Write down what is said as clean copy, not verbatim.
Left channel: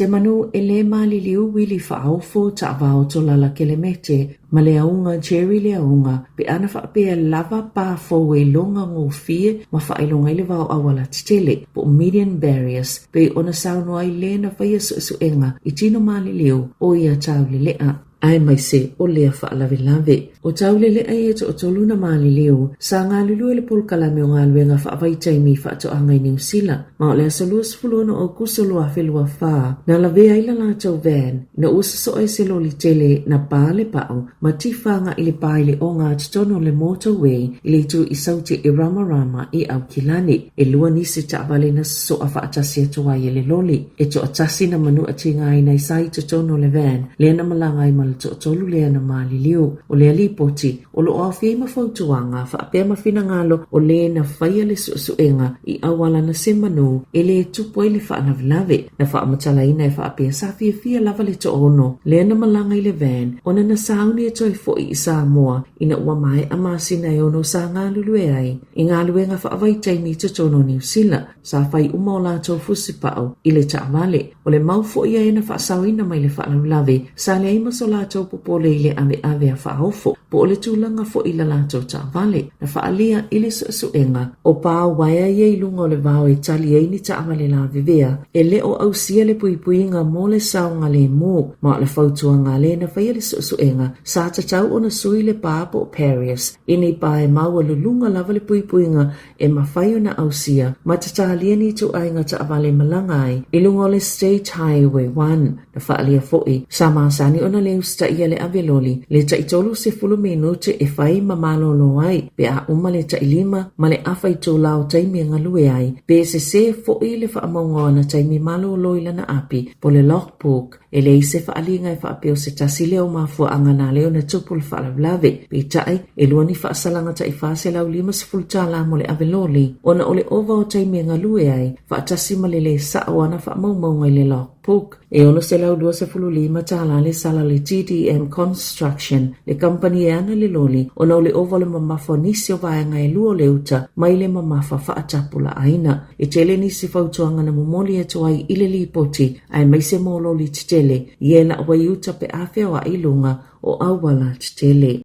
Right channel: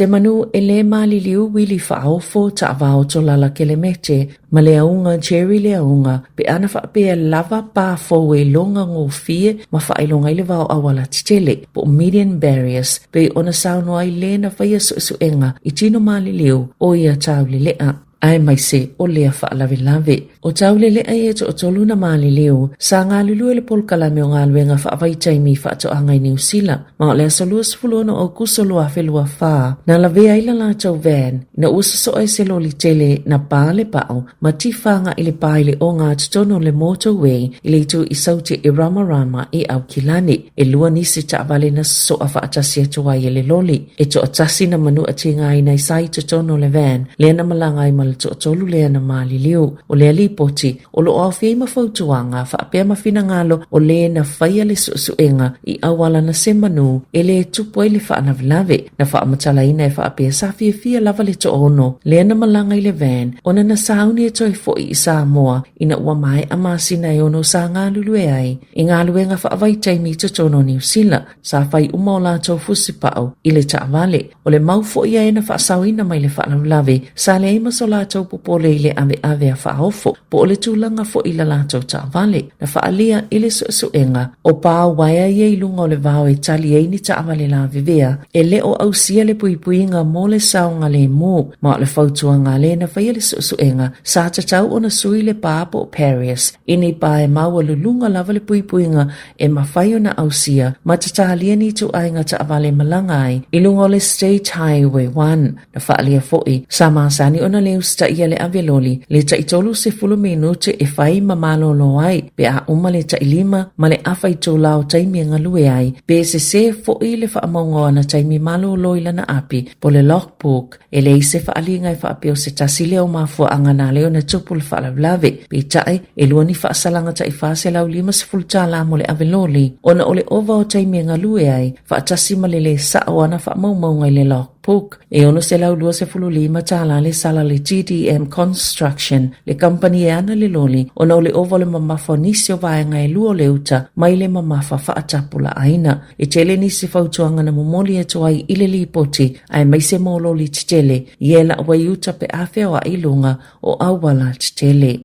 Se manu e le mali liu wili whaofo ta avao to lala kelemete, ma le aunga Jerry le aunga, pe ana whaapea lava pa fo e longa ngō fie, ma whaelonga ile vao awala titele, po median barriers, pe ona sauno ai le na whaia suenga, i tino mali liu, o ia tau le lea. Ai mai se o lea whaalawe lave. O tau le lea e to o tolu na maali leo, sa ngā lulu ele polkalame o ngā luenga whaavai taimi whaato angai New Zealand. Ma o lea salua sifulona o kusolua whelua whaa, na lawea ila la tau van, na usa so ai se loli tele na pāle pao, ma tifanga ili pāile o ngā tutono le motorway, ili tu i sauti e Rama i au kilani, e lua nisi ta avale na so a whaatasi atua i ele loli, e to atasi na manu ati ngai na isai tutono le van, lea na malangai mal to tolu lea na mali liu, o lea li poti, o lo ofi ma fautuanga, whaapea ma finangalo, o lea na whaia le suenga, i awala na se manu, e le tupo ele whaanavlave, na whaamatala ina e whaapea sa fia lava le to ono, lea na malanga i le van, ona na sauni e toi fo i Samoa, ina ua mai a masina e ono sa ngā lulu e ai, i ngā luenga whaavai taimi to tono New Zealand, sa whai umaola tau fusipao, i le taavale, o le mau fo ia e na whaasawina mai le whaanavlave, sa le ima so la tau popole ile ave a whaofo, po o le tūlanga fo ila la tau ta vale, na whaalia ile suenga, o pā waia ia ilunga o le vau e tali eini ta avale la vivea, e le o au sia le puipuinga mo le saonga le mu, ma le fautuanga le na whaia le suenga, sa ta tau o na sui le pāpo o Paris, ini pā e maua lulunga lava le puipuinga e mawhaio na au sia, ma ta talia ni tu ainga ta avale malangai, ilunga o le State Highway 1, na whaalia foi, sa maasani o na leo sta ia le aveloli, le ta itolu se fulu minute e whai mamalo lo ai, pe a uma le ta ilima, ma le awha i tō lao taimi ngalue ai, pe se fo i le whaamongoa na taimi malo loila na api, po le logbook, e le se whaalinga e whaapeo se tasi leo mafua angana leo na tupu le whaalavlave, pe tai e lua ni whaasalanga ta i whaase lau lima se fulu tala mo le aveloli, ona o le ova o taimi ngalue ai, whaatasi ma le sa oana whaamaumaunga i le logbook, e ono se lau lua se fulu lima tala le sala le GDM Construction, le company e ana le loli, ona o le ova le mamafa nisi o vaenga e lua le uta, mai le mamafa whaatapula aina, e tele nisi fautuanga na momoli e toai ile li poti, ai mai se molo li titele, i e la wai uta pe awhea o ilunga o awala titele.